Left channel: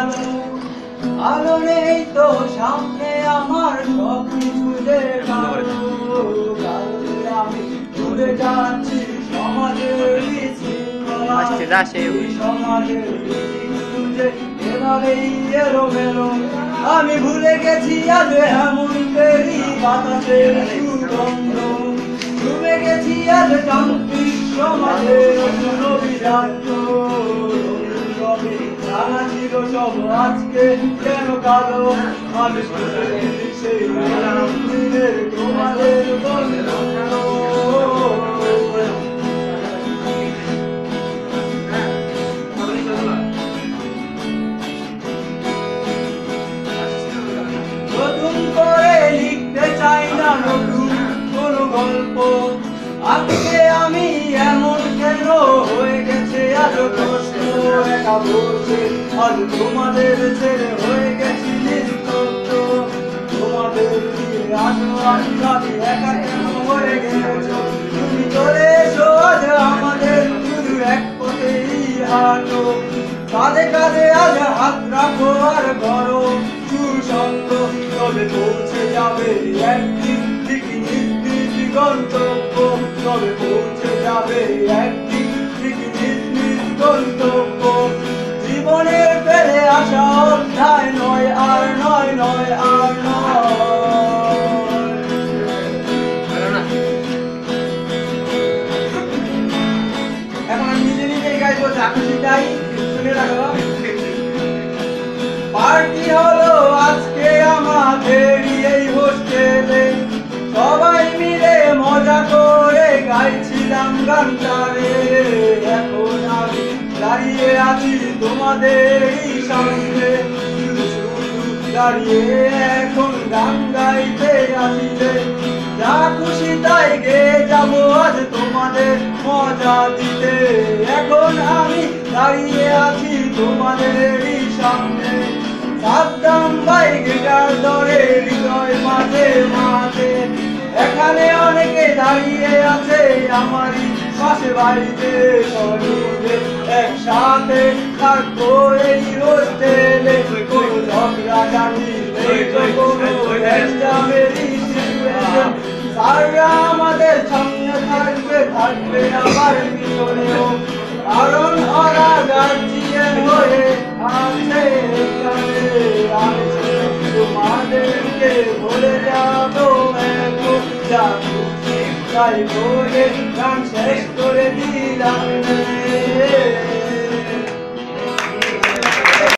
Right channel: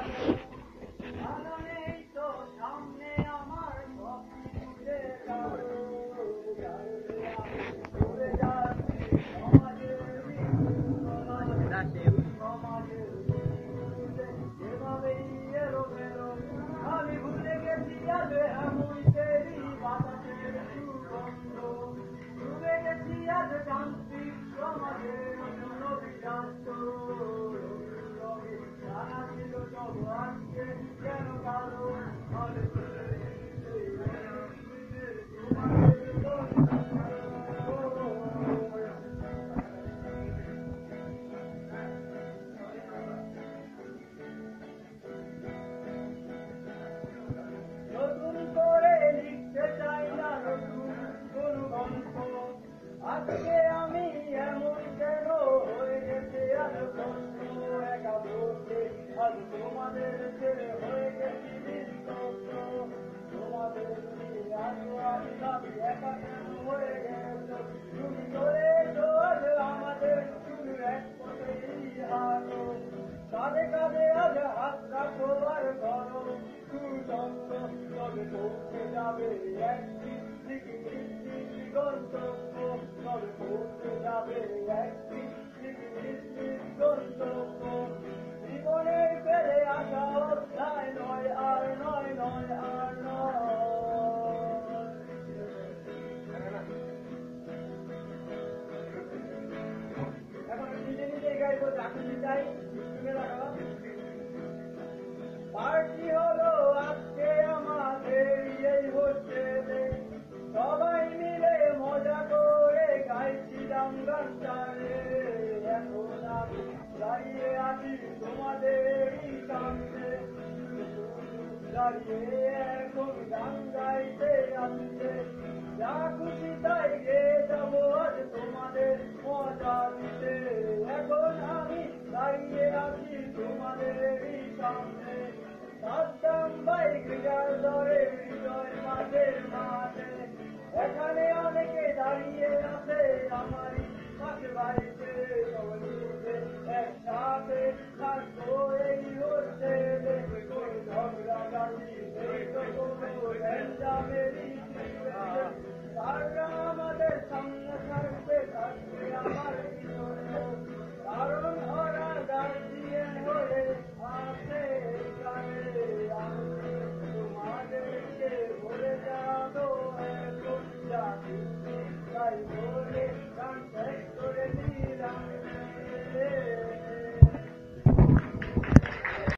আলো আলো নেই তো সামনে আমার সব কিছু যে কালো কালো আমি ঘুরে যাচ্ছি সমাজের বিশৃঙ্খলা সমাজের যে এভাবেই এলোমেলো আমি ভুলে গেছি আজ এমন দেরি বাতাসের সুগন্ধ ডুবে গেছি আজ যান্ত্রিক সমাজের অভিজাত জানা ছিল সব আজকে কেন কালো আমি সেই দিনের তোমাদের বন্ধ নতুন করে লিখতে চাই না নতুন কোন গল্প আজকে আমি এমন কেন হয়ে গেছে আজ কষ্ট একা বসে আজ তোমাদের ছেড়ে হয়ে গেছি নিস্তব্ধ তোমাদের দিয়ে আসো আমি একা কেন হয়ে গেছো তুমি চলে এসো আজ আমাদের শুধু এক পথেই হাঁটো কাঁধে কাঁধে আজ হাত রাখো আর করো সুসঙ্গ তবে পৌঁছে যাবে একদিন ঠিক নিজ নিজ গন্তব্য তবে পৌঁছে যাবে একদিন ঠিক নিজ নিজ গন্তব্য জীবনের ফেলে আসা অধ্যায় নয় আর নয় নয় আর নয় এখন আমি নিজে নিজেই গাইবো যা খুশি তাই শুনে রাখো পার্টি হলো আজকে আমাদের এই হোস্টেলে সবাই মিলে মজা করে গাইছিলাম গানটারে এখন আমি দাঁড়িয়ে আছি তোমাদেরই সামনে শুধু শুধু দাঁড়িয়ে এখন গান গাইতে আসিলে যা খুশি তাই গেয়ে যাবো আজ তোমাদের মজা দিতে এখন আমি দাঁড়িয়ে আছি তোমাদেরই সামনে সাদ্দাম ভাই গিটার ধরে হৃদয় মাঝে মাঝে এখানে অনেকে দাঁড়িয়ে আছে আমারই পাশে বাড়িতে সবাই একসাথে থাকবো এই হোস্টেলে কোনো ঝগড়াঝাটি নেই তো কোনো গ্যাঞ্জামেরই সিচুয়েশন স্যাররা আমাদের সামনে থাকবে থাকবে আমার পিছনেও কারণ ওরা গার্জিয়ান হয়ে আছে এখানে আমি তোমাদেরকে বলে যাবো এখন যা খুশি তাই বলে গান শেষ করে দিলাম